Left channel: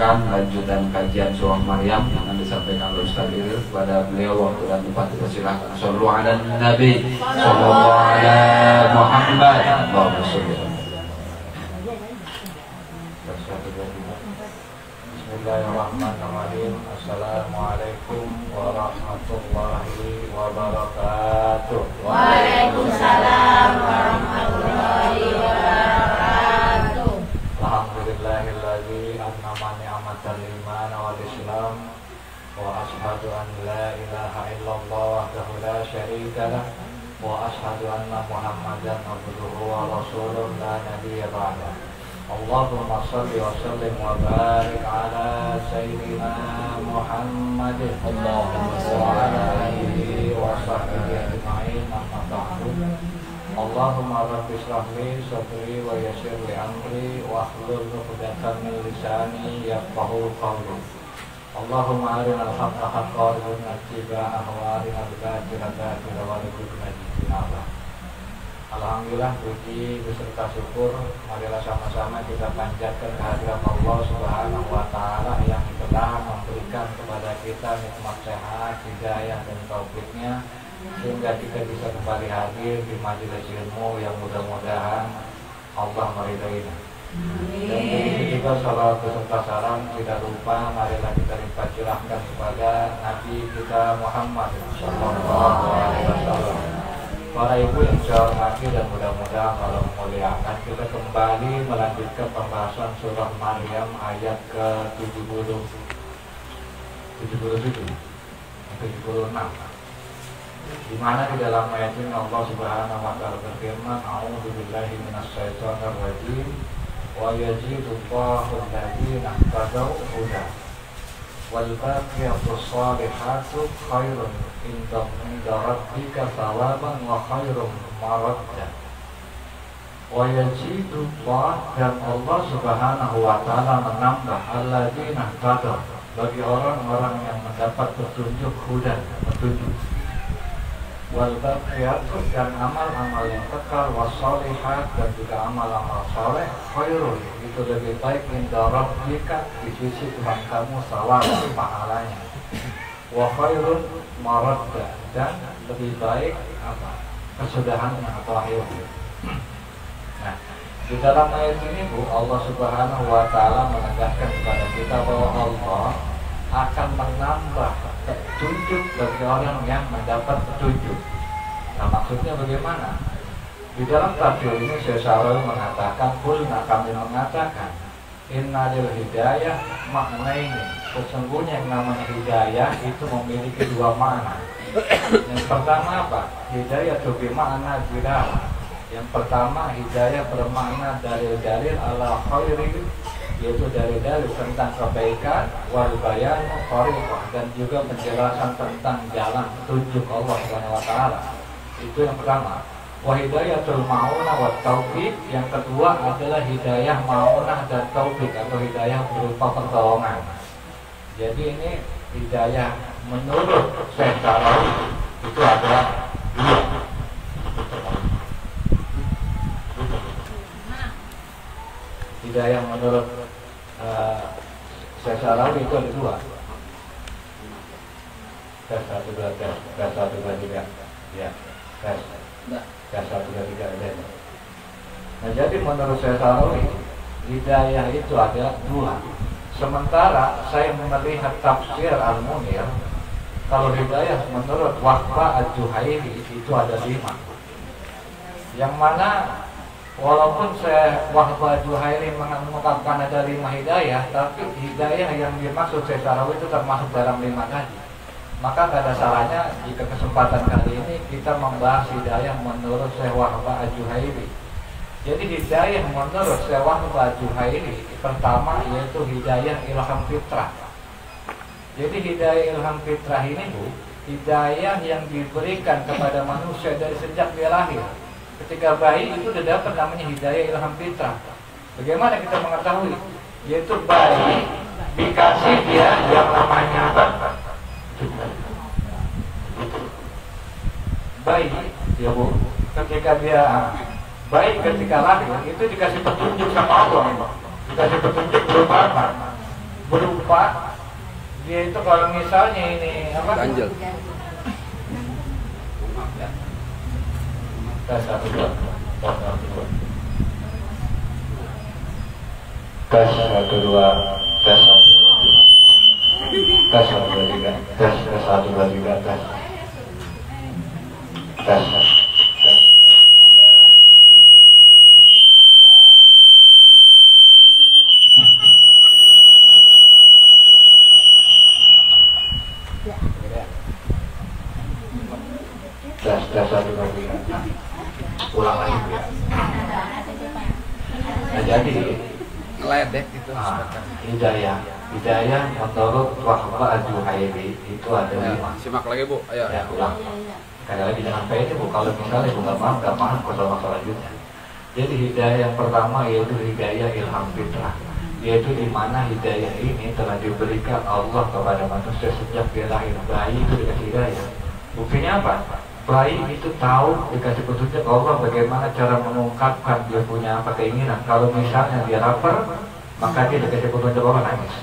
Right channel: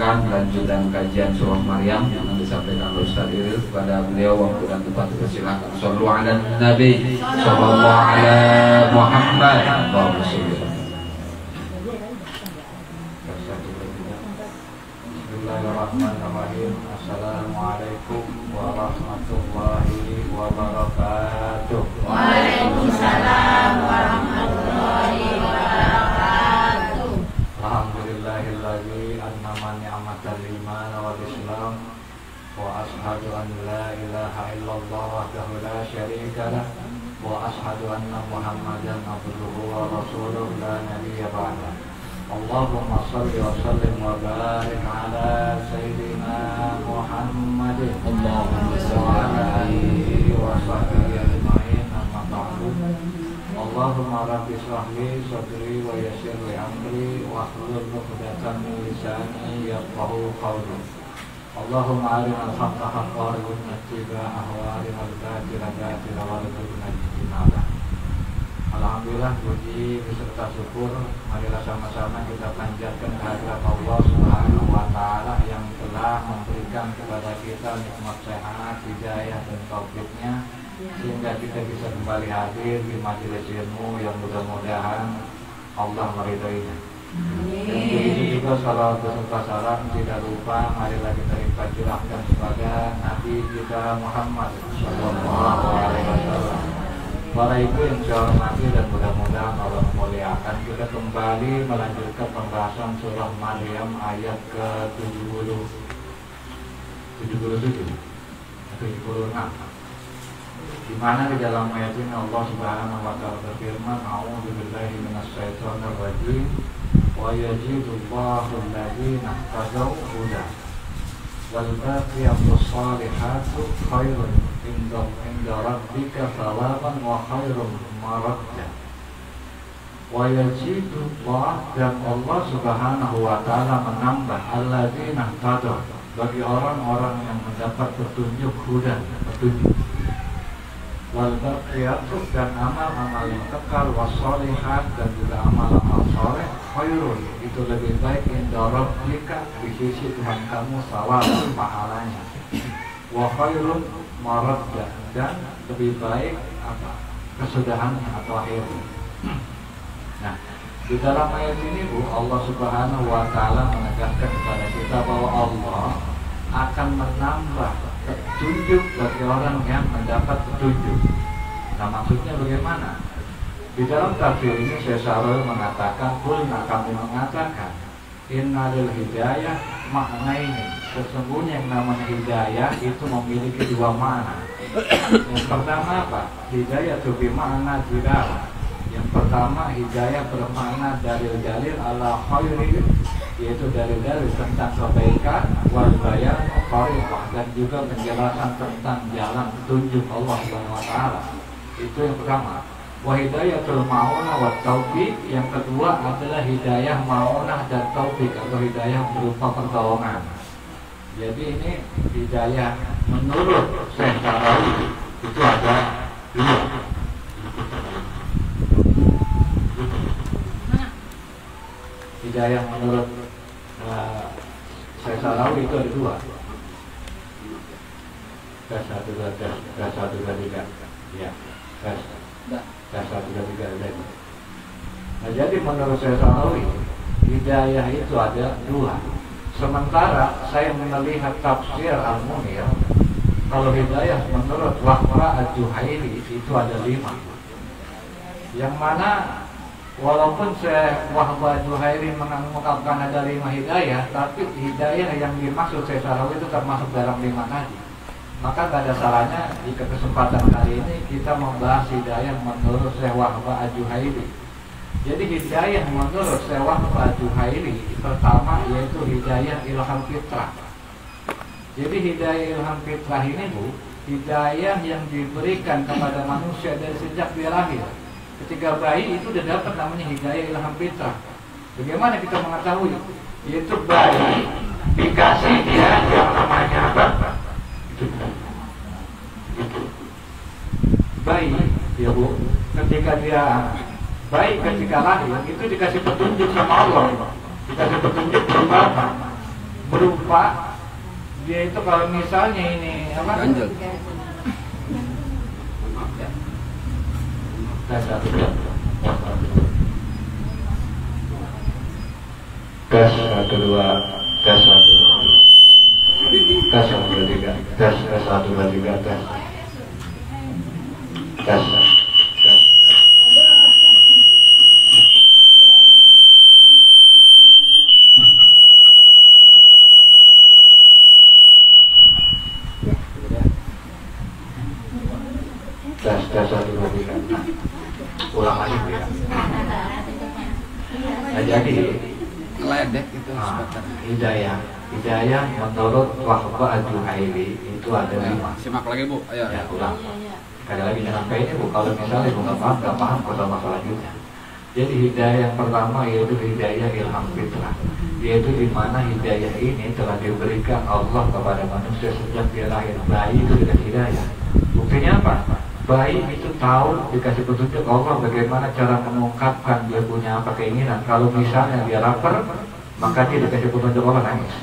mendengarkan lanjutan kajian surah Maryam yang disampaikan oleh Ustaz Iril kepada beliau. Waktu dan tempat dipersilakan. Shallu ala Nabi sallallahu alaihi Muhammad. Allahumma shalli. Bismillahirrahmanirrahim. Assalamualaikum warahmatullahi wabarakatuh. Waalaikumsalam warahmatullahi wabarakatuh. Alhamdulillahilladzi an'ama ni'matal iman wal islam wa ashhadu an la ilaha illallah wahdahu la syarika lah wa ashhadu anna Muhammadan abduhu wa rasuluhu la nabiyya ba'dah. Allahumma shalli wa sallim wa barik ala sayyidina Muhammadin Allahumma salli wa ala alihi wa sahbihi ajma'in. Amma ba'du. Allahumma rabbi shrah li sadri wa yassir li amri wa hlul 'uqdatam min lisani yafqahu qawli. Allahumma arinal haqqa haqqan warzuqna ittiba'ahu wa arinal batila batilan warzuqna ijtinabah. Alhamdulillah, puji beserta syukur marilah sama-sama kita panjatkan kehadirat Allah Subhanahu wa taala yang telah memberikan kepada kita nikmat sehat, hidayah dan taufiknya sehingga kita bisa kembali hadir di majelis ilmu yang mudah-mudahan Allah meridainya. Dan begitu juga salawat beserta salam tidak lupa marilah kita limpah curahkan kepada Nabi kita Muhammad sallallahu alaihi wasallam. Para ibu yang saya hormati dan mudah-mudahan Allah memuliakan, kita kembali melanjutkan pembahasan surah Maryam ayat ke-76 di mana di dalam ayat ini Allah Subhanahu wa taala berfirman, a'udzubillahi minasyaitonir rajim wa yazidullahu alladziina ihtadaw huda wal baqiyatus shalihatu khairun inda rabbika thawaban wa khairun maradda. Wa yazidullah, dan Allah Subhanahu wa taala menambah alladziina ihtadaw, bagi orang-orang yang mendapat petunjuk huda, petunjuk. Wal baqiyatu, dan amal-amal yang kekal, wassalihat, dan juga amal-amal saleh, khairun, itu lebih baik inda rabbika, di sisi Tuhan kamu, sawaban, pahalanya, wa khairun maradda, dan lebih baik apa? Kesudahannya atau akhirnya. Nah, di dalam ayat ini Bu, Allah Subhanahu wa taala menegaskan kepada kita bahwa Allah akan menambah petunjuk bagi orang yang mendapat petunjuk. Nah, maksudnya bagaimana? Di dalam tafsir ini Syekh Syarul mengatakan, kulna, kami mengatakan, innalil hidayah maknaini, sesungguhnya yang namanya hidayah itu memiliki dua makna. Yang pertama apa? Hidayah itu bermakna dilalah. Yang pertama, hidayah bermakna dalil-dalil ala khairi, yaitu dalil-dalil tentang kebaikan, wal bayan thariqah, dan juga penjelasan tentang jalan petunjuk Allah Subhanahu wa taala. Itu yang pertama. Wa hidayatul ma'unah wa taufiq, yang kedua adalah hidayah ma'unah dan taufiq atau hidayah berupa pertolongan. Jadi ini hidayah menurut Syekh Syarawi itu ada dua. Hidayah menurut Syekh Syarawi itu ada dua. Tes 1 2 3. Ya. Tes 1 2 3. Nah, jadi menurut Syekh Syarawi hidayah itu ada dua. Sementara saya melihat tafsir Al-Munir, kalau hidayah menurut Wahba Al-Juhaili itu ada 5. Yang mana walaupun saya Wahba Al-Juhaili mengungkapkan ada 5 hidayah, tapi hidayah yang dimaksud Syekh Syarawi itu termasuk dalam 5 tadi. Maka tidak ada salahnya jika kesempatan kali ini kita membahas hidayah menurut Syekh Wahba Al-Juhaili. Jadi hidayah menurut Syekh Wahba Al-Juhaili pertama yaitu hidayah ilham fitrah. Jadi hidayah ilham fitrah ini Bu, hidayah yang diberikan kepada manusia dari sejak dia lahir. Ketika bayi itu sudah dapat namanya hidayah ilham fitrah. Bagaimana kita mengetahui? Yaitu bayi dikasih dia yang namanya apa? Bayi, ya Bu, ketika dia baik ketika lahir itu dikasih petunjuk sama Allah, dikasih petunjuk berupa apa? berupa dia itu kalau misalnya ini apa? Lanjut. Tes 1 2 tes 1 2 tes 1 2 tes 1 2 3 tes 1 2 3 tes tes tes 1 2 3 ulang lagi ya. Nah jadi Ledek itu. hidayah menurut Wahbah Al-Juhaili itu ada 5. Simak lagi Bu, ayo. Ya, ulang. Sekali lagi jangan sampai ini Bu, kalau misalnya Bu nggak paham kalau selanjutnya. Jadi hidayah yang pertama yaitu hidayah ilham fitrah, yaitu di mana hidayah ini telah diberikan Allah kepada manusia sejak dia lahir. Bayi itu dikasih hidayah. Buktinya apa? Bayi itu tahu dikasih petunjuk Allah bagaimana cara mengungkapkan dia punya apa keinginan. Kalau misalnya dia lapar, maka dia dikasih petunjuk Allah nangis.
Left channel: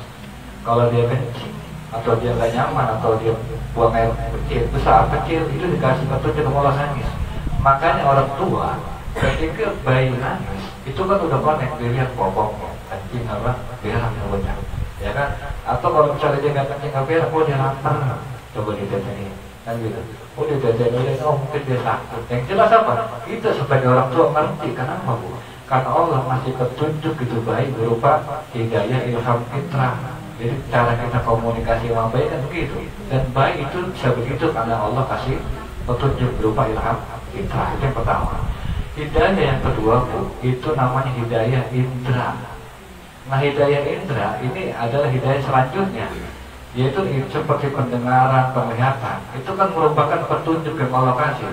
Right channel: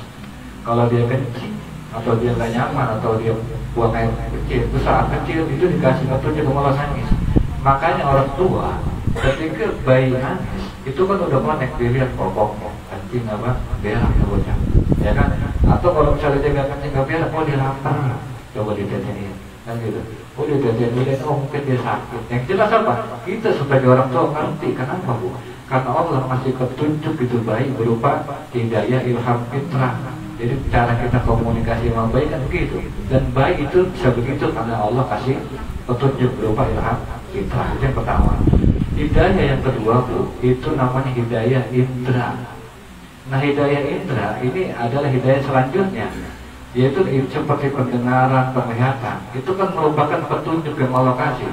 Kalau dia kencing atau dia gak nyaman atau dia buang air kecil, itu dikasih petunjuk Allah nangis. Makanya orang tua ketika bayi nangis itu kan udah connect, dilihat popoknya kencing apa berak mulutnya, ya kan? Atau kalau misalnya dia nggak kencing nggak berak, dia lapar, coba ditetenin kan gitu. Udah ditetenin, mungkin dia sakit. Yang jelas apa? Kita sebagai orang tua ngerti. Kenapa Bu? Karena Allah masih petunjuk itu baik berupa hidayah ilham fitrah. Jadi cara kita komunikasi sama bayi kan begitu. Dan bayi itu bisa begitu karena Allah kasih petunjuk berupa ilham fitrah. Itu yang pertama. Hidayah yang kedua Bu, itu namanya hidayah indra. Nah hidayah indra ini adalah hidayah selanjutnya, yaitu seperti pendengaran, penglihatan. Itu kan merupakan petunjuk yang Allah kasih.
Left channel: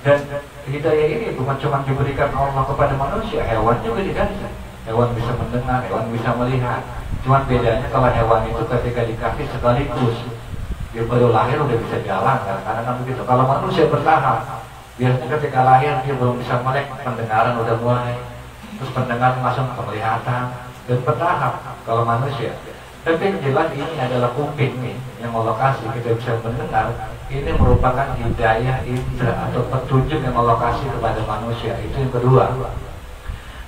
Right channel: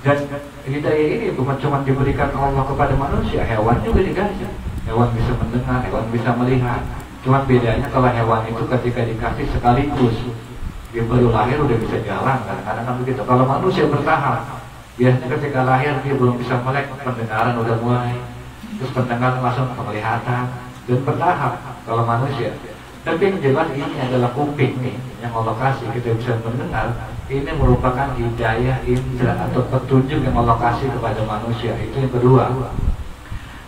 Dan hidayah ini bukan cuma diberikan Allah kepada manusia, hewan juga dikasih. Hewan bisa mendengar, hewan bisa melihat. Cuma bedanya kalau hewan itu ketika dikasih sekaligus, dia baru lahir udah bisa jalan kan? Karena kan begitu. Kalau manusia bertahap, biasanya ketika lahir dia belum bisa melek, pendengaran udah mulai, terus pendengaran langsung ke penglihatan, dan bertahap kalau manusia. Tapi yang jelas ini adalah kuping nih yang Allah kasih, kita bisa mendengar. Ini merupakan hidayah indra atau petunjuk yang Allah kasih kepada manusia. Itu yang kedua.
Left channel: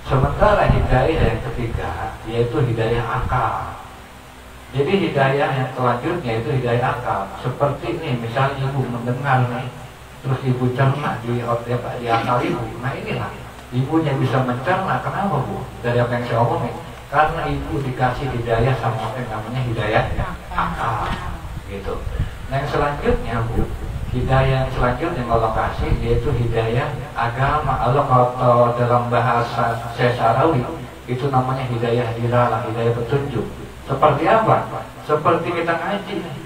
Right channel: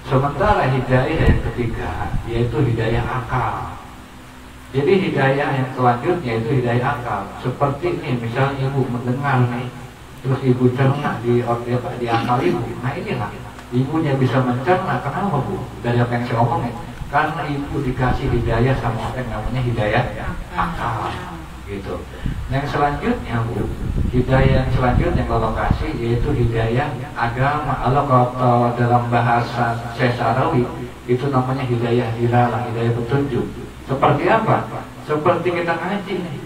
Sementara hidayah yang ketiga yaitu hidayah akal. Jadi hidayah yang selanjutnya itu hidayah akal. Seperti ini misalnya ibu mendengar nih, terus ibu cerna di akal ibu. Nah inilah ibunya bisa mencerna. Kenapa Bu? Dari apa yang saya omongin. Karena ibu dikasih hidayah sama apa yang namanya hidayah akal gitu. Nah yang selanjutnya Bu, hidayah yang selanjutnya yang Allah kasih yaitu hidayah agama. Allah kalau dalam bahasa Sesarawi itu namanya hidayah diralah, hidayah petunjuk. Seperti apa? Seperti kita ngaji nih,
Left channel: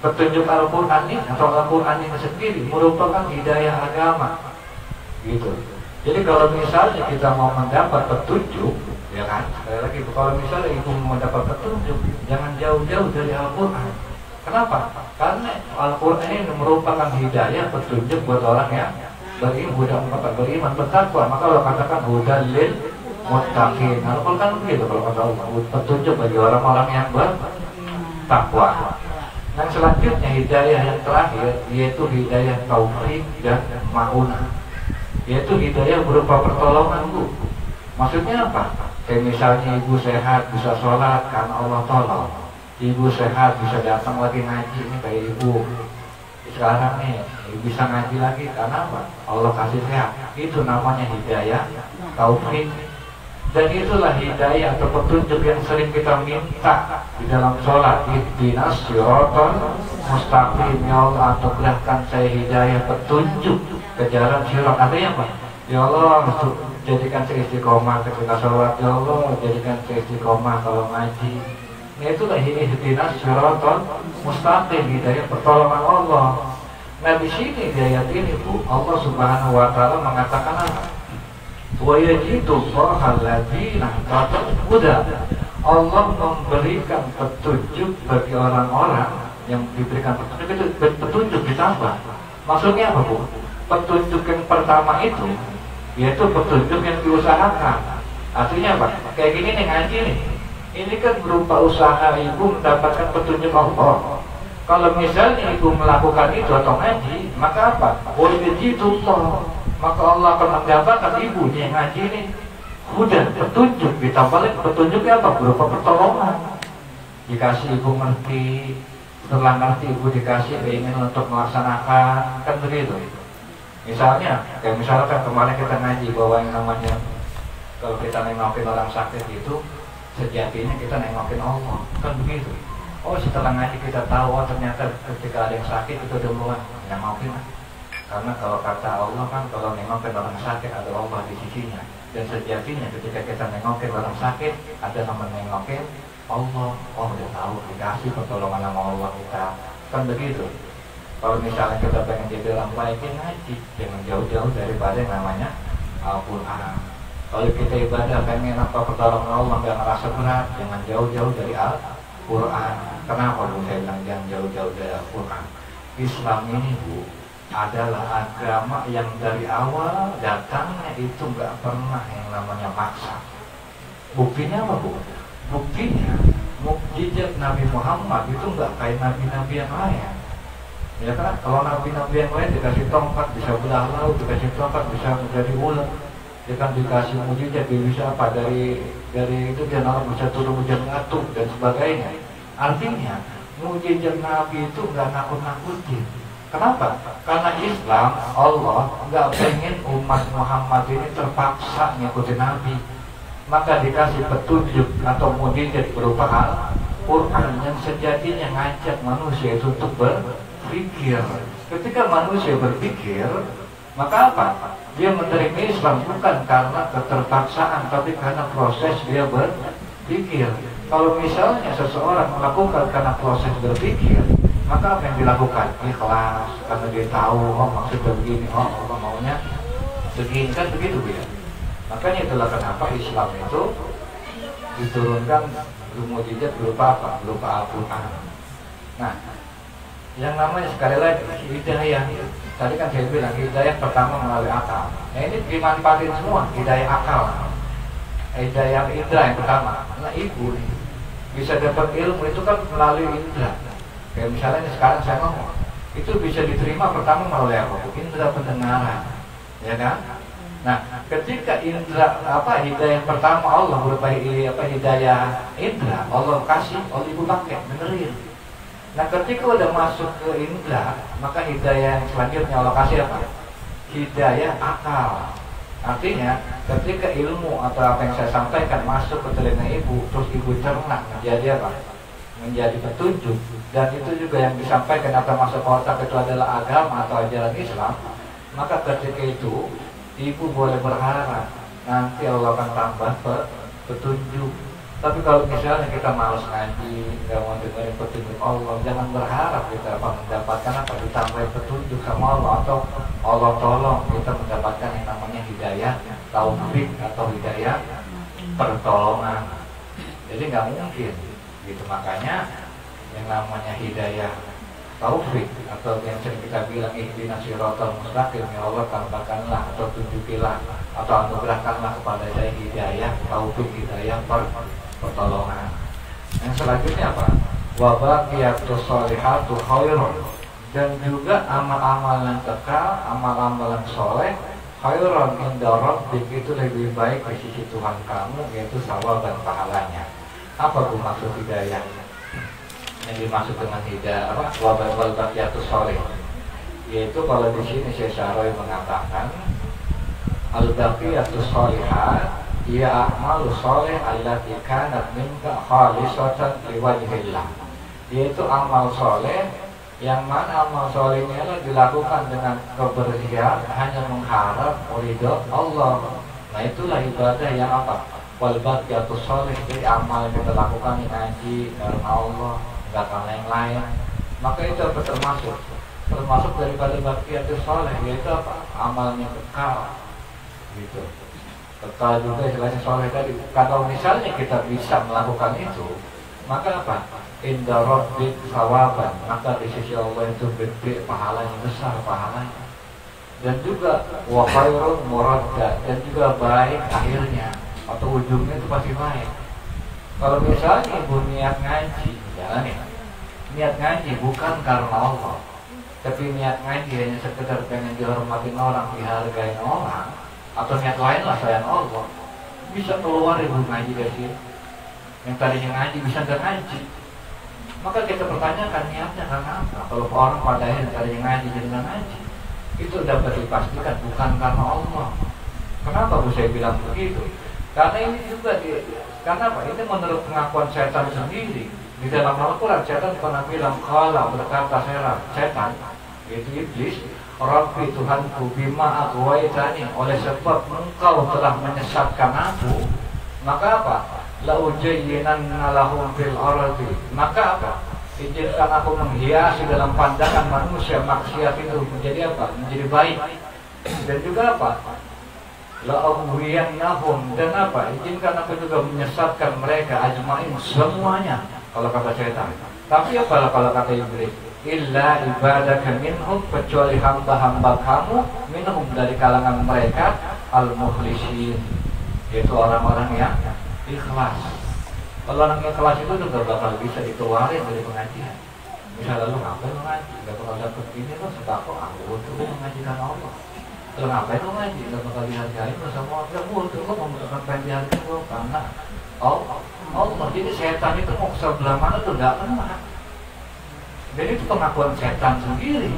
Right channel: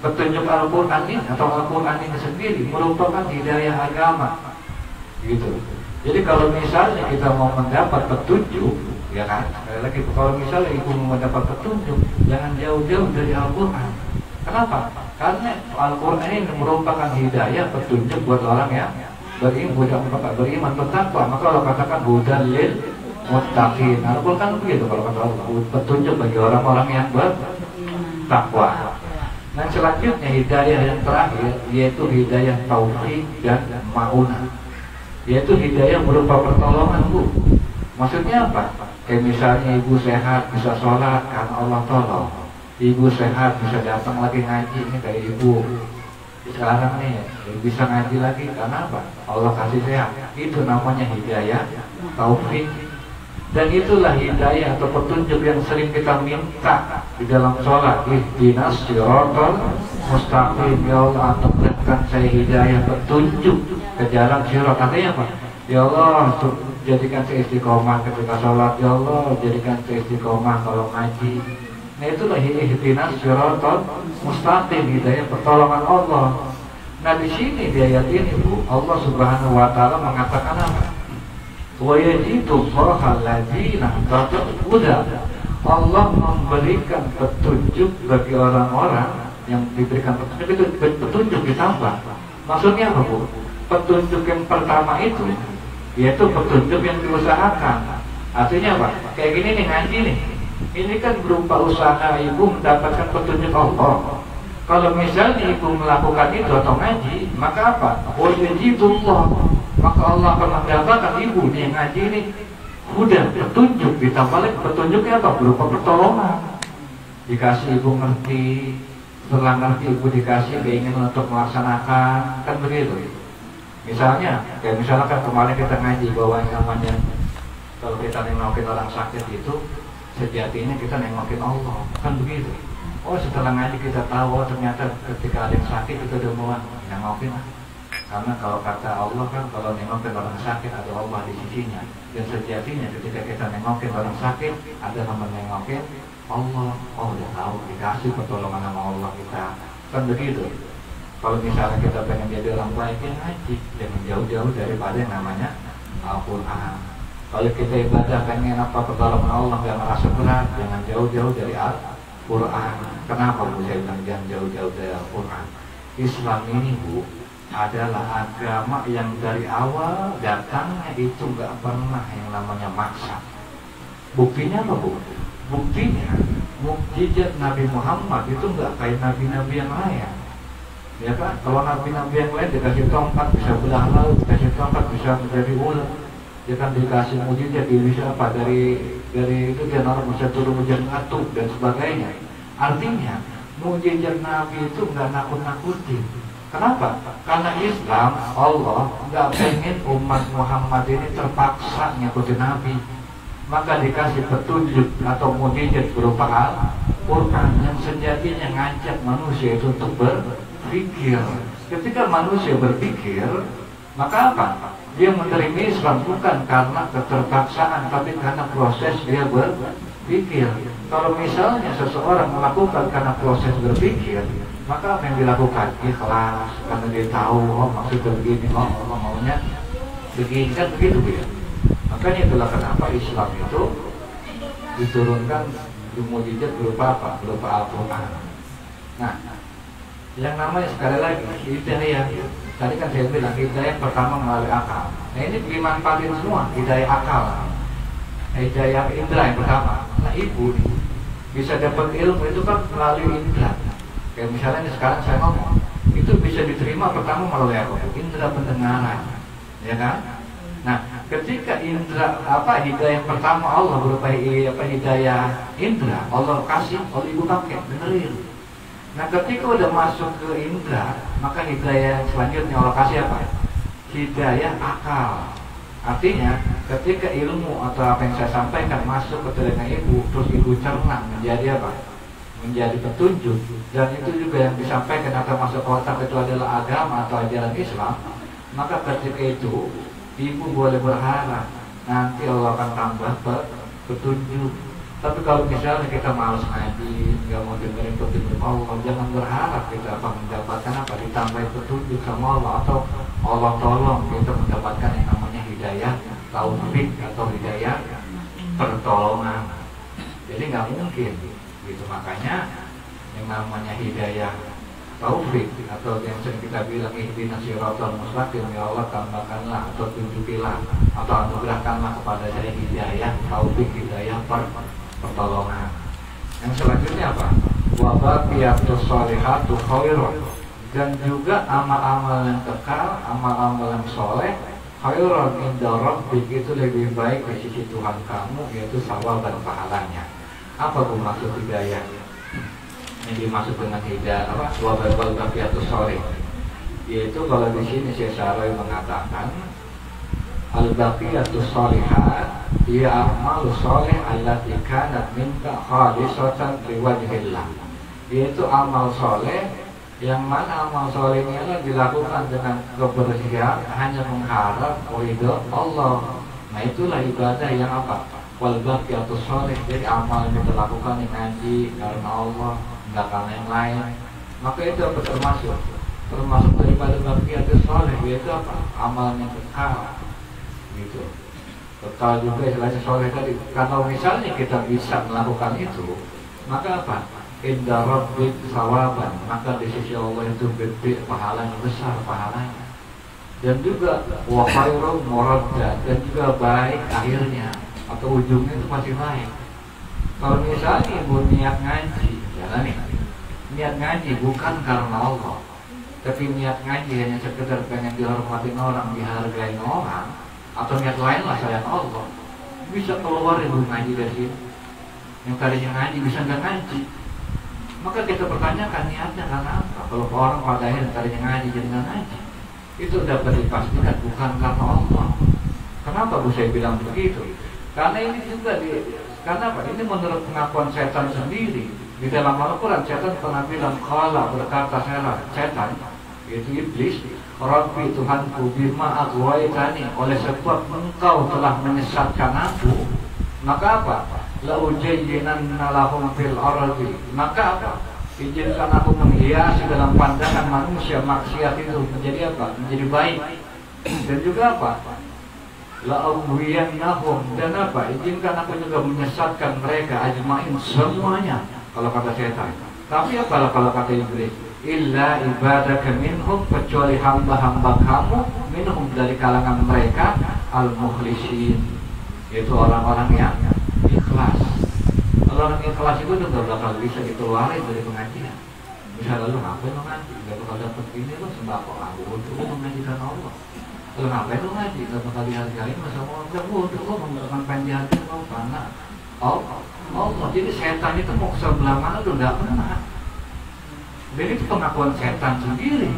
petunjuk Al-Quran ini atau Al-Quran ini sendiri merupakan hidayah agama gitu. Jadi kalau misalnya kita mau mendapat petunjuk, ya kan, sekali lagi kalau misalnya ibu mau mendapat petunjuk, jangan jauh-jauh dari Al-Quran. Kenapa? Karena Al-Quran ini merupakan hidayah petunjuk buat orang yang beriman bertakwa. Maka Allah katakan hudan lil muttaqin. Al-Quran begitu kalau kata Allah, petunjuk bagi orang-orang yang bertakwa. Nah selanjutnya hidayah yang terakhir yaitu hidayah taufik dan ma'unah, yaitu hidayah berupa pertolongan Bu. Maksudnya apa? Kayak misalnya ibu sehat bisa sholat karena Allah tolong. Ibu sehat bisa datang lagi ngaji, ini kayak ibu sekarang nih bisa ngaji lagi karena apa? Allah kasih sehat. Itu namanya hidayah taufik. Dan itulah hidayah atau petunjuk yang sering kita minta di dalam sholat. Ihdinas siratal mustaqim, ya Allah anugerahkan saya hidayah petunjuk ke jalan sirat. Artinya apa? Ya Allah jadikan saya istiqomah ketika sholat. Ya Allah jadikan saya istiqomah kalau ngaji. Nah itulah ihdinas siratal mustaqim, hidayah pertolongan Allah. Nah di sini di ayat ini Bu, Allah Subhanahu wa taala mengatakan apa? Wa yajidullaha alladzina huda. Allah memberikan petunjuk bagi orang-orang yang diberikan petunjuk, itu petunjuk ditambah. Maksudnya apa Bu? Petunjuk yang pertama itu yaitu petunjuk yang diusahakan. Artinya apa? Kayak gini nih ngaji nih. Ini kan berupa usaha ibu mendapatkan petunjuk Allah. Kalau misalnya ibu melakukan itu atau ngaji, maka apa? Wajibullah, maka Allah akan mendapatkan ibu yang ngaji ini huda, petunjuk, ditambah lagi petunjuknya apa? Berupa pertolongan. Dikasih ibu ngerti, setelah ngerti ibu dikasih keinginan untuk melaksanakan, kan begitu. Misalnya, kayak misalkan kemarin kita ngaji bahwa yang namanya kalau kita nengokin orang sakit itu sejatinya kita nengokin Allah, kan begitu. Oh, setelah ngaji kita tahu, oh ternyata ketika ada yang sakit itu udah mulai nengokin. Karena kalau kata Allah kan, kalau nengokin orang sakit ada Allah di sisinya. Dan sejatinya ketika kita nengokin orang sakit, ada nama nengokin Allah. Oh, udah tahu, dikasih pertolongan sama Allah kita, kan begitu. Kalau misalnya kita pengen jadi orang baik, ngaji, jangan jauh-jauh daripada yang namanya Al-Quran. Kalau kita ibadah pengen apa pertolongan Allah nggak ngerasa berat, jangan jauh-jauh dari Al-Quran. Kenapa Bu saya bilang jangan jauh-jauh dari Al-Quran? Islam ini Bu adalah agama yang dari awal datangnya itu nggak pernah yang namanya maksa. Buktinya apa Bu? Buktinya mukjizat Nabi Muhammad itu nggak kayak nabi-nabi yang lain. Ya kan? Kalau nabi-nabi yang lain dikasih tongkat bisa belah laut, dikasih tongkat bisa menjadi ular. Dia kan dikasih mujizat dia bisa apa dari itu dia nalar bisa turun hujan ngatuk dan sebagainya. Artinya mujizat Nabi itu nggak nakut-nakutin. Kenapa? Karena Islam Allah nggak pengen umat Muhammad ini terpaksa ngikutin Nabi. Maka dikasih petunjuk atau mujizat berupa Al-Quran yang sejatinya ngajak manusia itu untuk berpikir. Ketika manusia berpikir, maka apa? Dia menerima Islam bukan karena keterpaksaan, tapi karena proses dia berpikir. Kalau misalnya seseorang melakukan karena proses berpikir, maka apa yang dilakukan? Ikhlas, karena dia tahu, oh maksudnya begini, oh Allah maunya begini, kan begitu ya. Makanya itulah kenapa Islam itu diturunkan mukjizat berupa apa? Berupa Al-Quran. Nah, yang namanya sekali lagi hidayah. Tadi kan saya bilang hidayah pertama melalui akal. Nah ini dimanfaatin semua, hidayah akal, hidayah indra yang pertama. Nah ibu nih, bisa dapat ilmu itu kan melalui indra. Kayak misalnya sekarang saya ngomong, itu bisa diterima pertama melalui apa? Indra pendengaran, ya kan? Nah ketika indra hidayah pertama Allah berupa hidayah indra, Allah kasih, Allah ibu pakai, benerin. Nah ketika udah masuk ke indra, maka hidayah selanjutnya Allah kasih apa? Hidayah akal. Artinya ketika ilmu atau apa yang saya sampaikan masuk ke telinga ibu, terus ibu cerna menjadi apa? Menjadi petunjuk. Dan itu juga yang disampaikan atau masuk ke otak itu adalah agama atau ajaran Islam. Maka ketika itu ibu boleh berharap nanti Allah akan tambah petunjuk. Tapi kalau misalnya kita malas ngaji, nggak mau dengerin petunjuk Allah, jangan berharap kita mendapatkan apa ditambah petunjuk sama Allah atau Allah tolong kita mendapatkan yang namanya hidayah taufik atau hidayah pertolongan. Jadi nggak mungkin, gitu. Makanya yang namanya hidayah taufik atau yang sering kita bilang ihdinas siratal mustaqim, ya Allah tambahkanlah atau tunjukilah atau anugerahkanlah kepada saya hidayah taufik, hidayah pertolongan. Yang selanjutnya apa? Wa baqiyatus sholihatu khairun, dan juga amal-amal yang kekal, amal-amal yang soleh khairun inda rabbik, itu lebih baik di sisi Tuhan kamu, yaitu sawab dan pahalanya. Apa itu maksud hidayah? Yang dimaksud dengan hidayah apa? Wa baqiyatus sholih, yaitu kalau di sini Syekh Syaroi mengatakan al-baqiyatus sholihat ya a'malu sholih allati kanat minka khalisatan liwajhillah, yaitu amal soleh yang mana amal solehnya dilakukan dengan kebersihan hanya mengharap ridho Allah. Nah itulah ibadah yang apa? Wal baqiyatus sholih, jadi amal yang kita lakukan yang ngaji karena Allah, enggak karena yang lain. Maka itu apa termasuk daripada baqiyatus sholih, yaitu apa? Amalnya kekal, gitu. Kekal juga istilahnya soleh tadi. Kalau misalnya kita bisa melakukan itu, maka apa? Inda rabbik sawaban, maka di sisi Allah itu gede pahalanya, besar pahalanya. Dan juga wa khairun muradda, dan juga baik akhirnya atau ujungnya itu pasti baik. Kalau misalnya ibu niat ngaji, jangan nih, niat ngaji bukan karena Allah, tapi niat ngaji hanya sekedar pengen dihormatin orang, dihargain orang, atau niat lain lah selain Allah, bisa keluar ibu ngaji dari sini. Yang tadinya ngaji bisa nggak ngaji. Maka kita pertanyakan niatnya karena apa? Kalau orang pada akhirnya tadinya ngaji jadi nggak ngaji, itu dapat dipastikan bukan karena Allah. Kenapa saya bilang begitu? Karena ini juga karena apa? Ini menurut pengakuan setan sendiri. Di dalam Al-Quran setan pernah bilang, kala berkata setan, yaitu iblis, Rabbi Tuhanku bima aghwaytani, oleh sebab engkau telah menyesatkan aku, maka apa? La ujayyinanna lahum fil ardi, maka apa? Izinkan aku menghiasi dalam pandangan manusia maksiat itu menjadi apa? Menjadi baik. Dan juga apa? La aghwiyannahum, dan apa? Izinkan aku juga menyesatkan mereka ajmain, semuanya. Kalau kata setan. Tapi apa kalau kata iblis? Illa ibadaka minhum, kecuali hamba-hamba kamu minhum, dari kalangan mereka, al-mukhlisin, yaitu orang-orang yang ikhlas. Kalau orang ikhlas itu udah gak bakal bisa dikeluarin dari pengajian. Misalnya lu ngapain lu ngaji? Gak bakal dapet ini lo sembako aku untuk lu mengajikan Allah. Lu ngapain lu ngaji? Gak bakal dihargai bersama Allah untuk lu membutuhkan pendidikan lu, karena Allah. Jadi setan itu mau sebelah mana tuh gak pernah. Jadi itu pengakuan setan sendiri.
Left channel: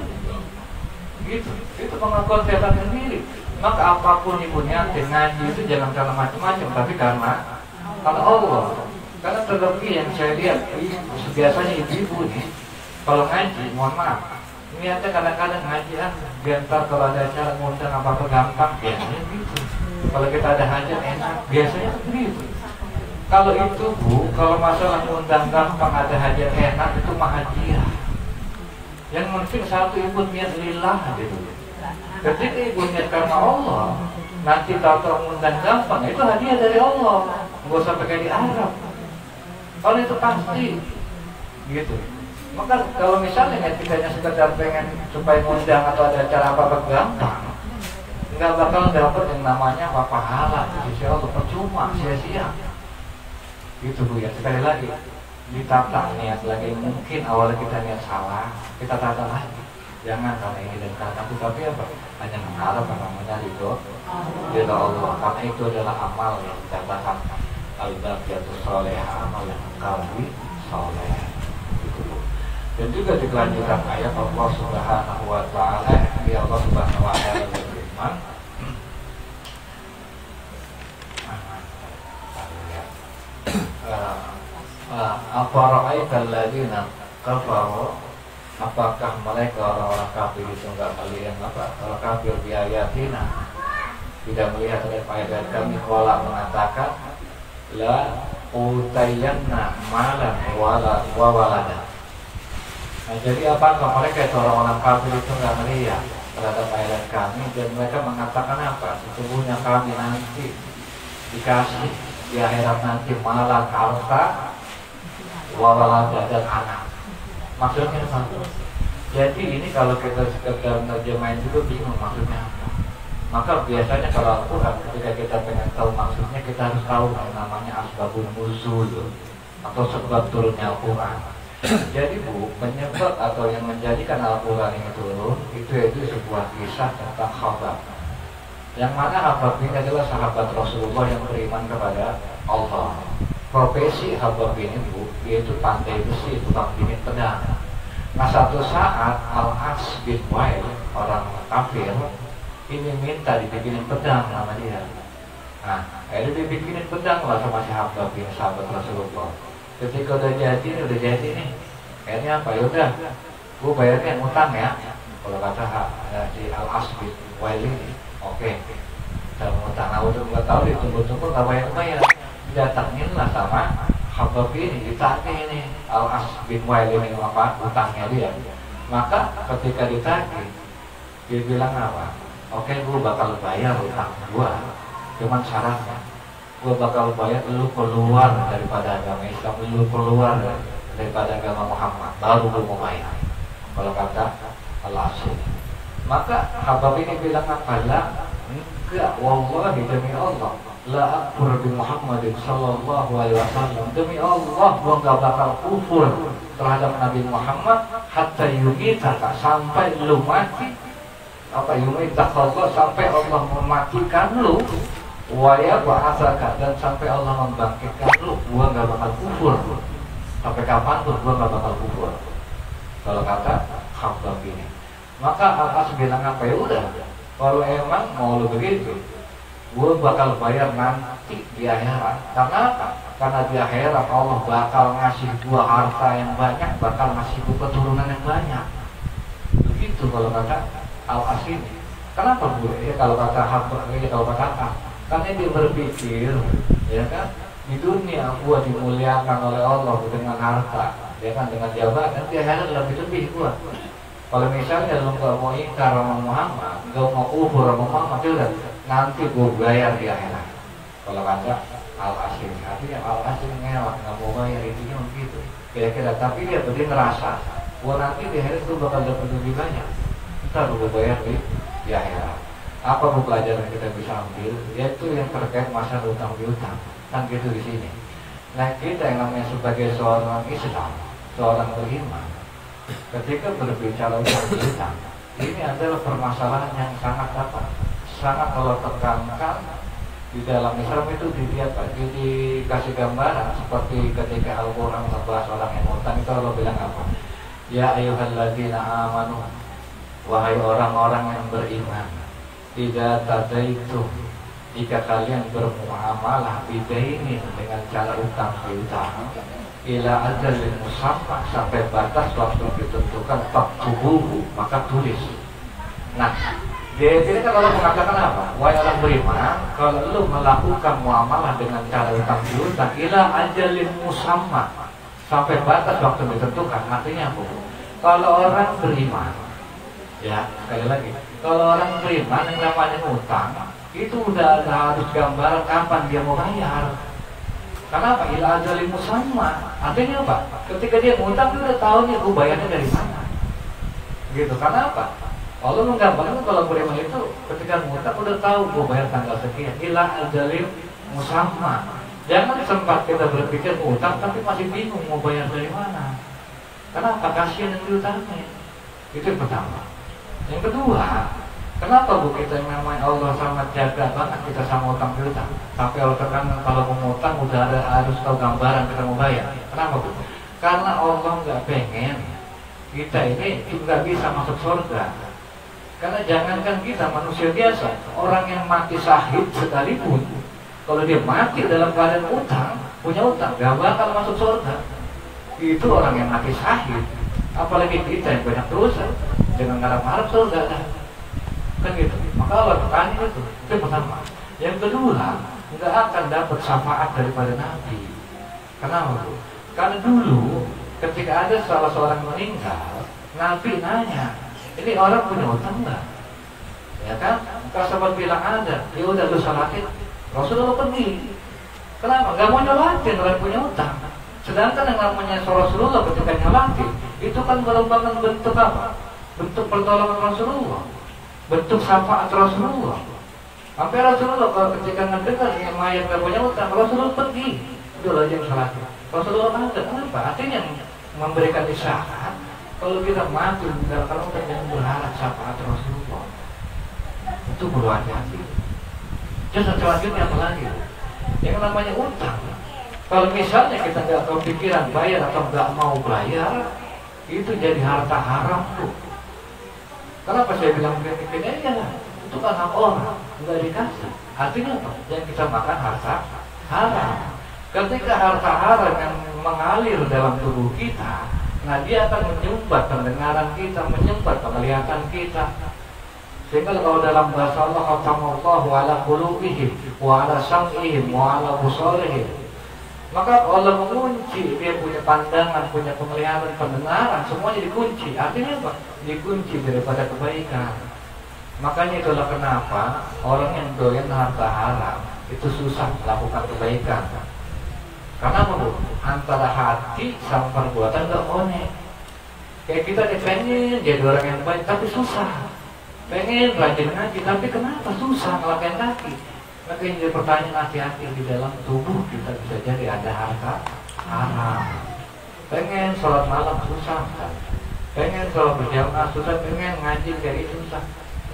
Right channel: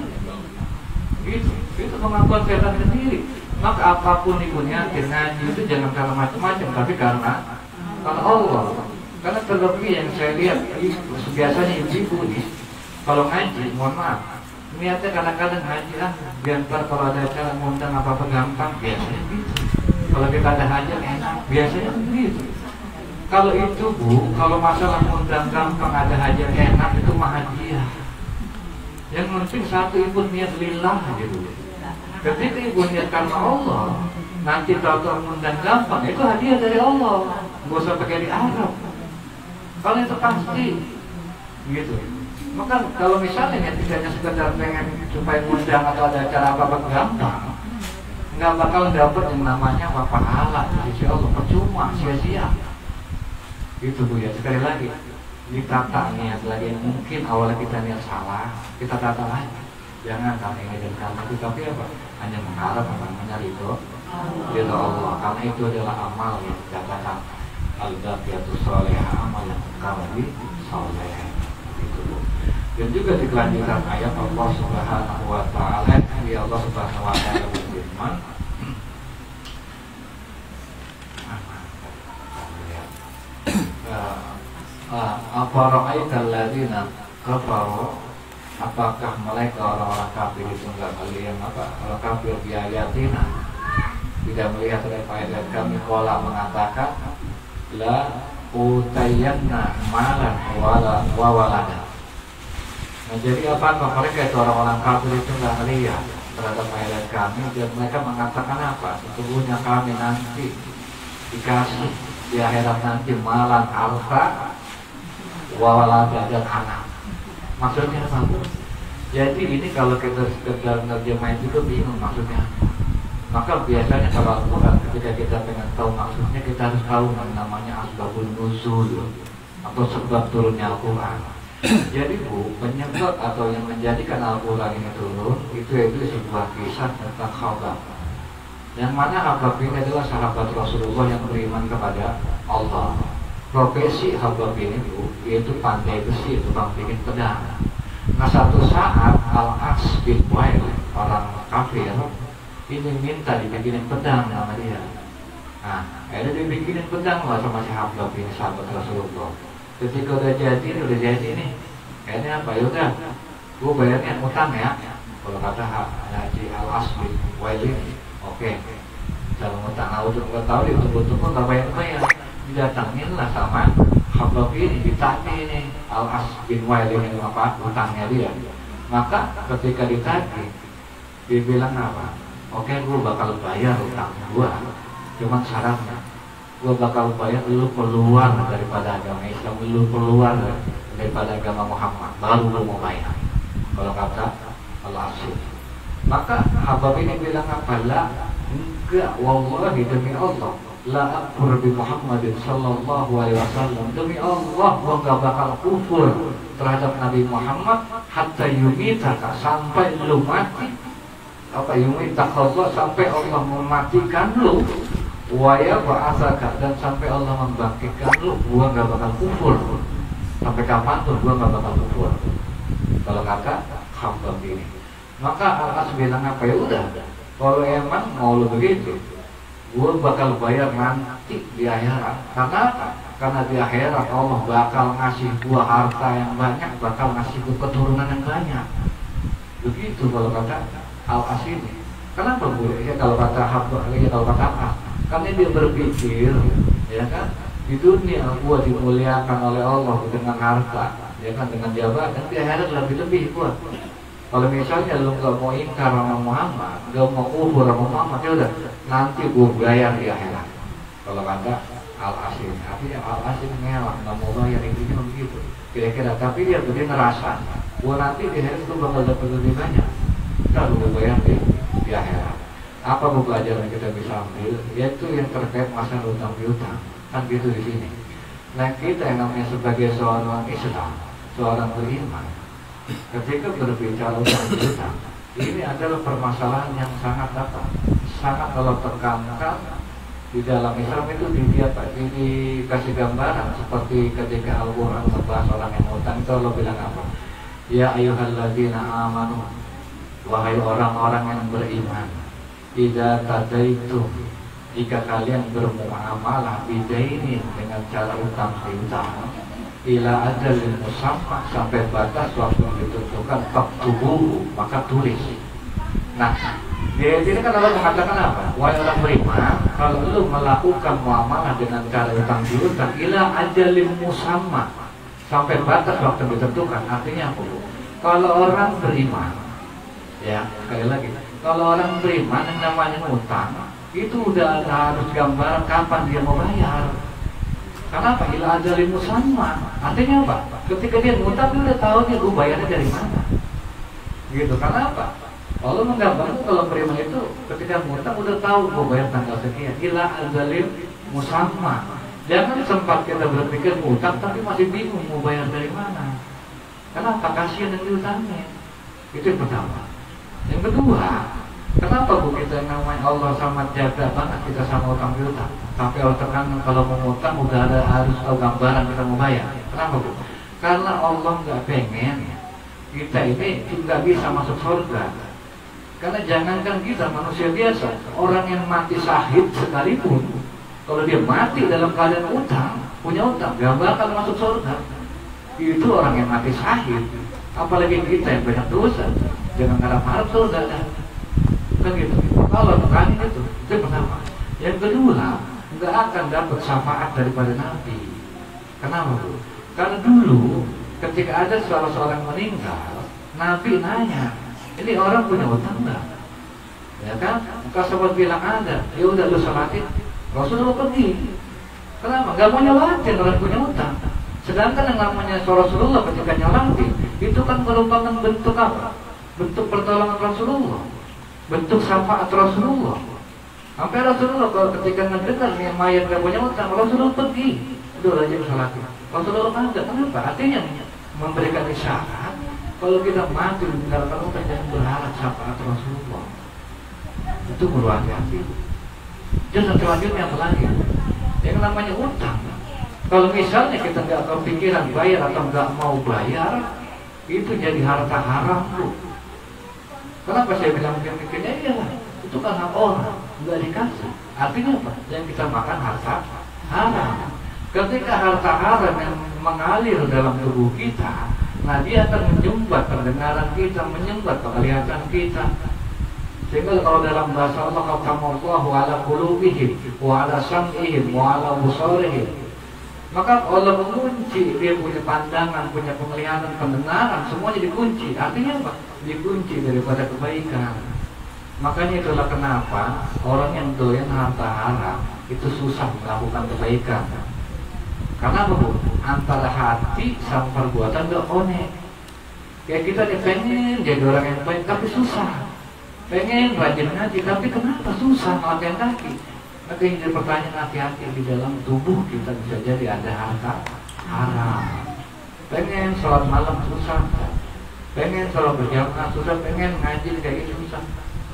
Gitu. Itu pengakuan setan sendiri. Maka apapun itu niatin ngaji itu jangan karena macam-macam, tapi karena Allah. Karena terlebih yang saya lihat biasanya ibu nih, kalau ngaji, mohon maaf, niatnya kadang-kadang ngaji biar ntar kalau ada acara ngundang apa-apa gampang, biasanya gitu. Kalau kita ada hajat enak, biasanya begitu. Kalau itu Bu, kalau masalah ngundang gampang, ada hajat enak, itu mah hadiah. Yang penting satu, ibu niat lillah gitu. Ketika ibu niat karena Allah, nanti tahu ngundang gampang, itu hadiah dari Allah. Gak usah pakai diharap. Kalau itu pasti gitu. Maka kalau misalnya tidak sekedar pengen supaya ngundang atau ada acara apa-apa gampang, nggak bakal dapat yang namanya pahala di sisi Allah, percuma, sia-sia. Itu Bu ya. Sekali lagi ditata niat lagi. Mungkin awalnya kita niat salah, kita tata lagi. Jangan karena ini dan karena itu, tapi apa? Hanya mengharap namanya itu ridha Allah. Karena itu adalah amal yang dikatakan al-baqiyatus sholihah, amal qalbi sholih. Itu Bu. Dan juga dilanjutkan ayat Allah Subhanahu wa taala, ya Allah Subhanahu wa taala berfirman, afara'aital ladzina kafaru, apakah mereka orang-orang kafir itu enggak kalian apa? Kalau kafir bi ayatina, tidak melihat ayat dari kami, qala mengatakan la utayyanna malan wala walada. Nah, jadi apakah mereka itu orang-orang kafir itu enggak melihat terhadap ayat kami, dan mereka mengatakan apa? Sesungguhnya kami nanti dikasih di akhirat nanti malan harta walada dan anak. Maksudnya apa? Jadi ini kalau kita sekedar terjemahin juga bingung maksudnya. Maka biasanya kalau Al-Quran ketika kita pengen tahu maksudnya, kita harus tahu yang namanya asbabun nuzul atau sebab turunnya Al-Quran. Jadi Bu, penyebab atau yang menjadikan Al-Quran ini turun itu sebuah kisah tentang Khabbab. Yang mana Khabbab ini adalah sahabat Rasulullah yang beriman kepada Allah. Profesi Khabbab ini Bu, yaitu pandai besi, tukang bikin pedang. Nah, satu saat Al-As bin Wail, orang kafir, ini minta dibikinin pedang sama dia. Nah, akhirnya dibikinin pedang lah sama si Khabbab ini, sahabat Rasulullah. Ketika udah jadi nih, akhirnya apa? Yaudah, gue bayarin utang ya. Kalau kata si Al-As bin Wail ini, oke, kita utang. Nah, udah nggak tahu ditunggu-tunggu nggak bayar. Datangin lah sama Khabbab ini, ditagih ini Al-As bin Wail ini apa utangnya dia. Maka ketika ditagih, dia bilang apa? Oke, gue bakal bayar utang gue, cuman syaratnya gue bakal bayar lu keluar daripada agama Islam, lu keluar daripada agama Muhammad, baru lu mau bayar. Kalau kata Al-As. Maka Khabbab ini bilang apa? Lah, enggak, wallahi demi Allah, la akfur bi Muhammadin sallallahu alaihi wasallam, demi Allah gua nggak bakal kufur terhadap Nabi Muhammad hatta yumitaka, sampai lu mati. Apa yumitaka Allah, sampai Allah mematikan lu, wa yab'atsaka, dan sampai Allah membangkitkan lu, gua nggak bakal kufur. Sampai kapanpun gua nggak bakal kufur. Kalau kata Khabbab ini, maka Al-As bilang apa, ya udah, kalau emang mau lu begitu, gue bakal bayar nanti di akhirat. Karena apa? Karena di akhirat Allah bakal ngasih gue harta yang banyak, bakal ngasih gue keturunan yang banyak. Begitu kalau kata Al-As ini. Kenapa bu? Ya kalau kata Khabbab ini, kalau kata apa? Karena dia berpikir, ya kan, di dunia gue dimuliakan oleh Allah dengan harta, ya kan, dengan jabatan, di akhirat lebih gue. Kalau misalnya lo gak mau ingkar sama Muhammad, gak mau kufur sama Muhammad, ya udah, nanti gue bayar di akhirat. Kalau kata Al-Asim, artinya Al-Asim ngelak, gak mau bayar, intinya begitu. Kira-kira, tapi dia ngerasa, gue nanti di akhirat gue bakal dapat lebih banyak. Lalu gue bayar di akhirat. Apa pelajaran kita bisa ambil? Yaitu yang terkait masalah utang piutang, kan gitu di sini. Nah kita yang namanya sebagai seorang Islam, seorang beriman, ketika berbicara utang piutang, ini adalah permasalahan yang sangat sangat kalau tekankan di dalam Islam itu dikasih gambaran seperti ketika Al-Quran membahas orang yang utang itu Allah bilang apa? Ya ayyuhalladzina amanu, wahai orang-orang yang beriman, tidak tadaitu, jika kalian bermuamalah bidainin dengan cara utang piutang, ila ajalin musamma, sampai batas waktu yang ditentukan, faktubuhu, maka tulis. Nah, di ayat ini kan Allah mengatakan apa? Wahai orang beriman, kalau lu melakukan muamalah dengan cara utang piutang, ila ajalin musamma, sampai batas waktu yang ditentukan, artinya apa? Kalau orang beriman, ya sekali lagi, kalau orang beriman yang namanya utang, itu udah harus gambaran kapan dia mau bayar. Kenapa? Ila ajalin musamma. Artinya apa? Ketika dia ngutang, dia udah tahu dia gue bayarnya dari mana. Gitu. Karena apa? Allah menggambarkan kalau beriman itu ketika ngutang udah tahu gue bayar tanggal sekian. Ila ajalin musamma. Jangan sempat kita berpikir ngutang tapi masih bingung mau bayar dari mana. Kenapa? Kasihan yang diutangnya. Itu yang pertama. Yang kedua, kenapa bu kita yang namanya Allah sangat jaga banget kita sama utang piutang? Tapi Allah tekankan kalau mau ngutang udah ada, harus tahu gambaran kita mau bayar. Kenapa bu? Karena Allah nggak pengen kita ini nggak bisa masuk surga. Karena jangankan kita manusia biasa, orang yang mati syahid sekalipun, kalau dia mati dalam keadaan utang, punya utang, gak bakal masuk surga. Itu orang yang mati syahid. Apalagi kita yang banyak dosa, dengan harap-harap surga kan gitu. Maka Allah tekanin itu pertama. Yang kedua, nggak akan dapat syafaat daripada Nabi. Kenapa bu? Karena dulu ketika ada salah seorang meninggal, Nabi nanya, ini orang punya utang nggak? Ya kan? Kalau sahabat bilang ada, ya udah lu sholatin. Rasulullah pergi. Kenapa? Nggak mau nyolatin orang punya utang. Sedangkan yang namanya Rasulullah ketika nyolatin, itu kan merupakan bentuk apa? Bentuk pertolongan Rasulullah, bentuk syafaat Rasulullah. Sampai Rasulullah kalau ketika mendengar yang mayat gak punya utang, Rasulullah pergi, udah aja bersalah. Rasulullah ada, kenapa? Artinya memberikan isyarat kalau kita mati meninggalkan utang, jangan berharap syafaat Rasulullah. Itu perlu hati-hati. Jangan selanjutnya apa lagi? Yang namanya utang, kalau misalnya kita nggak kepikiran bayar atau nggak mau bayar, itu jadi harta haram tuh. Kenapa saya bilang demikian? Ya, itu kan hak orang, nggak dikasih. Artinya apa? Yang kita makan harta haram. Ketika harta haram yang mengalir dalam tubuh kita, nah dia akan menyumbat pendengaran kita, menyumbat penglihatan kita. Sehingga kalau dalam bahasa Allah, khatamallahu ala qulubihim wa ala sam'ihim wa ala busarihim, maka Allah mengunci, dia punya pandangan, punya penglihatan, pendengaran, semuanya dikunci. Artinya apa? Dikunci daripada kebaikan. Makanya itulah kenapa orang yang doyan harta haram itu susah melakukan kebaikan. Karena apa bu? Antara hati sama perbuatan gak connect. Kayak kita nih pengen jadi orang yang baik tapi susah. Pengen rajin ngaji tapi kenapa susah ngelakuin kaki? Maka yang jadi pertanyaan, hati-hati di dalam tubuh kita bisa jadi ada harta haram. Pengen sholat malam susah, pengen sholat berjamaah susah, pengen ngaji kayak gitu susah.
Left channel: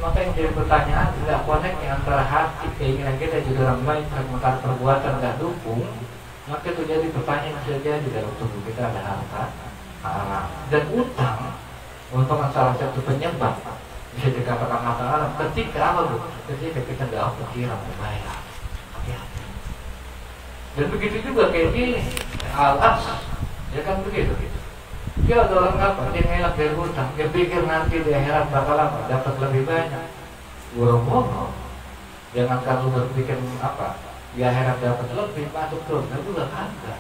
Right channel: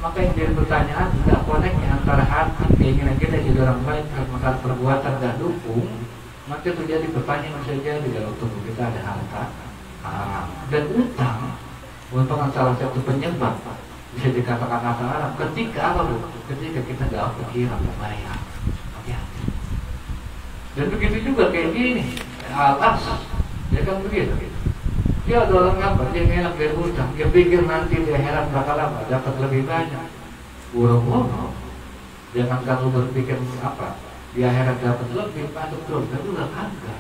Maka yang jadi pertanyaan, tidak koneknya antara hati keinginan kita jadi orang baik sementara perbuatan tidak dukung, maka itu jadi pertanyaan saja di dalam tubuh kita ada harta haram. Dan utang merupakan salah satu penyebab bisa dikatakan harta haram. Ketika apa bu? Ketika kita tidak pikiran membayar. Hati-hati. Dan begitu juga kayak gini, alas, ya kan begitu. Dia ada orang apa? Dia ngelak dari hutang. Dia pikir nanti di akhirat bakal apa? Dapat lebih banyak. Boro-boro. Jangan kamu berpikir apa? Di akhirat dapat lebih banyak betul. Itu juga kagak.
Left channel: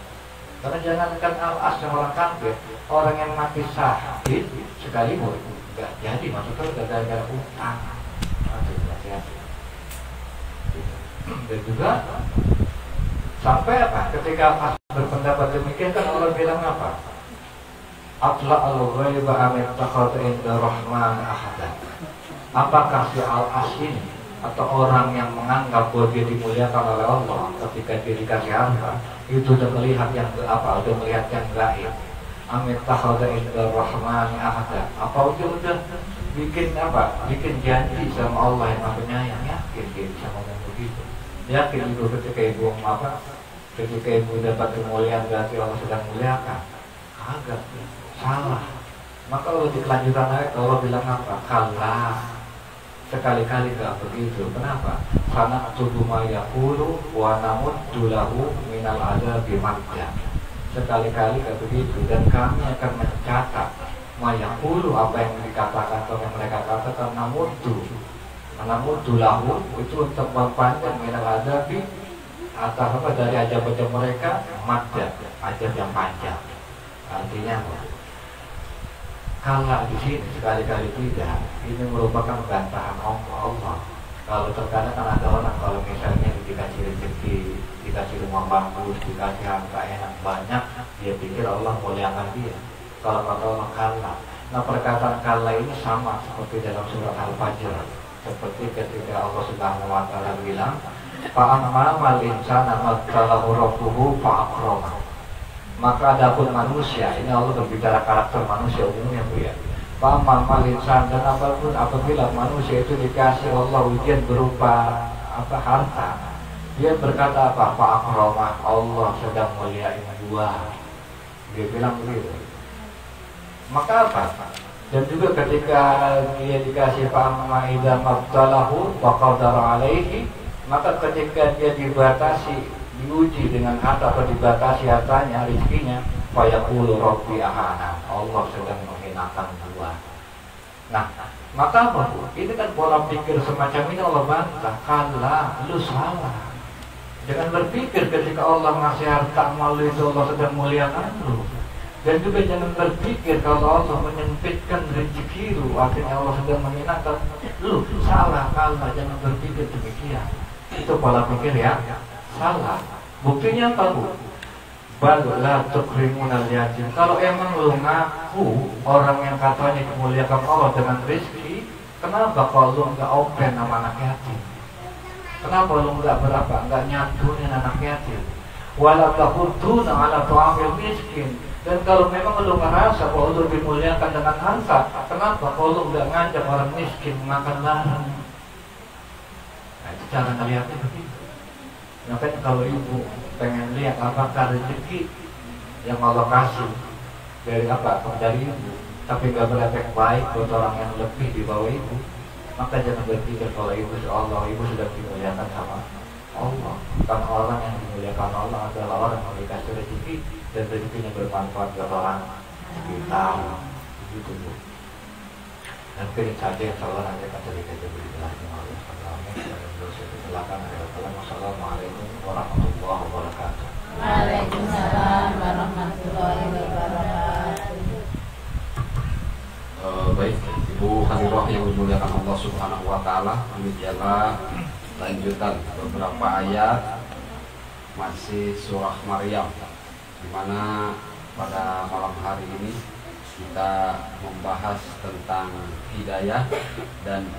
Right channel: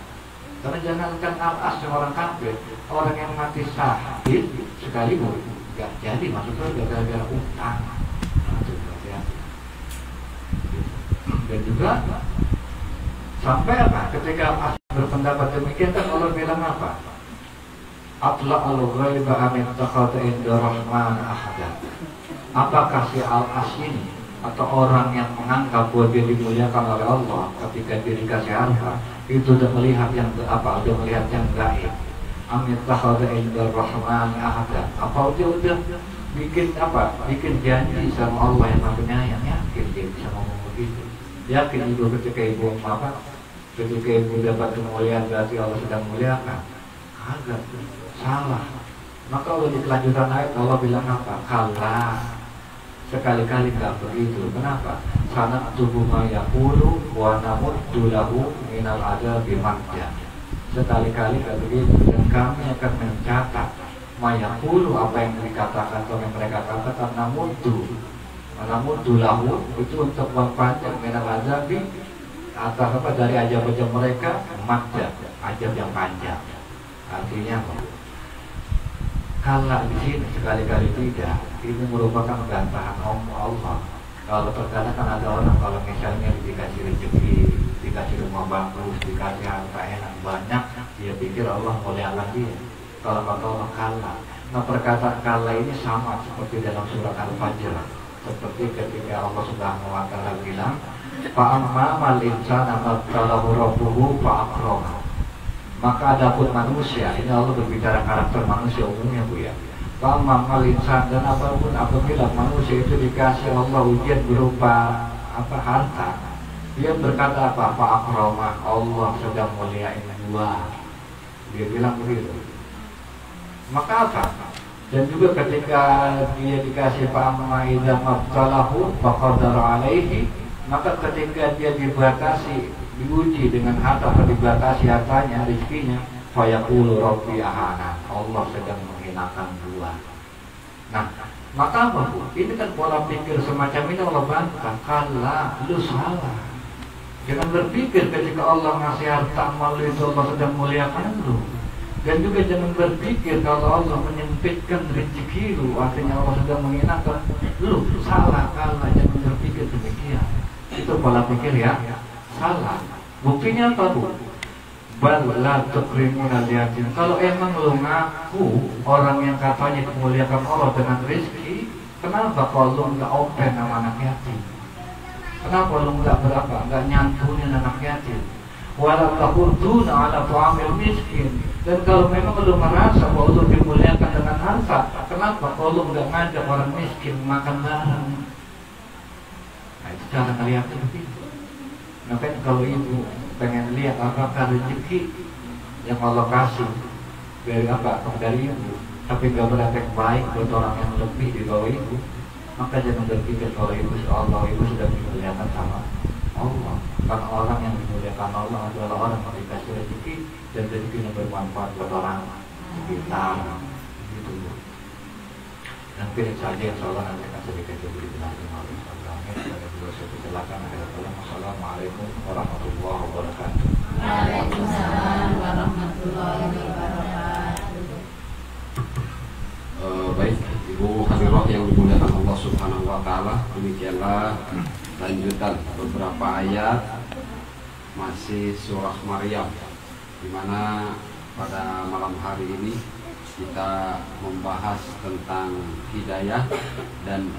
Karena jangankan al-as yang orang kafir, orang yang mati syahid sekalipun gak jadi masuk surga gara-gara hutang. Itu hati-hati. Dan juga sampai apa? Ketika al-as berpendapat demikian kan Allah bilang apa? Atla al-ghaiba amin takhata inda rahman ahada. Apakah si al-as ini atau orang yang menganggap bahwa dia dimuliakan oleh Allah ketika dia dikasih harta itu udah melihat yang apa? Udah melihat yang gaib. Amin takhata inda rahman ahada. Apa dia udah bikin apa? Bikin janji sama Allah yang Maha Penyayang. Yakin dia bisa ngomong begitu? Yakin ibu ketika ibu apa? Ketika ibu dapat kemuliaan berarti Allah sedang muliakan? Agak salah. Maka Allah di kelanjutan ayat Allah bilang apa? Kalla. Sekali-kali gak begitu. Kenapa? Karena tubuh mayakulu wa namuddu lahu minal adabi madda. Sekali-kali gak begitu. Dan kami akan mencatat mayakulu apa yang dikatakan atau yang mereka katakan namuddu lahu itu untuk mempanjang minal adabi atau apa dari ajab-ajab mereka madda, ajab yang panjang. Artinya apa? Kalau di sini sekali-kali tidak, ini merupakan gantaran Allah. Kalau terkadang kan ada orang kalau misalnya dikasih rezeki, dikasih rumah bagus, dikasih harta enak banyak, dia pikir Allah muliakan dia. Kalau kata orang kalla, nah perkataan kalla ini sama seperti dalam surat Al-Fajr, seperti ketika Allah Subhanahu Wa Taala bilang, fa'ammal insana mabtalahu rabbuhu fa'akrama. Maka adapun manusia, ini Allah berbicara karakter manusia umumnya bu ya. Fa'ammal insan, dan apabila manusia itu dikasih Allah ujian berupa apa harta, dia berkata apa? Fa'akrama, Allah sedang muliain gua. Dia bilang begitu. Maka apa? Dan juga ketika dia dikasih fa'amma idza mabtalahu faqadara alaihi, maka ketika dia dibatasi, diuji dengan harta atau dibatasi hartanya, rezekinya, fayaqulu rabbi ahana, Allah sedang menghinakan gua. Nah, maka apa bu? Ini kan pola pikir semacam ini Allah bantah. Kalla, lu salah. Jangan berpikir ketika Allah ngasih harta malu itu Allah sedang muliakan lu. Dan juga jangan berpikir kalau Allah menyempitkan rezeki lu, artinya Allah sedang menghinakan lu. Salah, kalla, jangan berpikir demikian. Itu pola pikir ya salah. Buktinya apa bu? Bal la tukrimuna al-yatim. Kalau emang lu ngaku orang yang katanya kemuliaan Allah dengan rezeki, kenapa kalau lu nggak open sama anak yatim? Kenapa lu nggak nggak nyantunin anak yatim? Wala taqudduna ala tu'amil miskin. Dan kalau memang lu merasa bahwa lu dimuliakan dengan harta, kenapa kalau lu nggak ngajak orang miskin makan bareng? Nah itu cara ngeliatnya begitu. Makanya kalau ibu pengen lihat apakah rezeki yang Allah kasih dari apa dari ibu, tapi nggak berefek baik buat orang yang lebih di bawah ibu, maka jangan berpikir kalau ibu Allah ibu sudah dimuliakan sama Allah. Karena orang yang dimuliakan Allah adalah orang yang dikasih rezeki dan rezekinya bermanfaat buat orang sekitar. Gitu bu. Dan pilih saja yang salah nanti akan sedikit lebih lagi malu. Assalamualaikum warahmatullahi wabarakatuh. Waalaikumsalam warahmatullahi wabarakatuh. Baik, Ibu Hadiroh yang dimuliakan Allah Subhanahu Wa Taala, demikianlah lanjutan beberapa ayat masih surah Maryam, di mana pada malam hari ini kita membahas tentang hidayah dan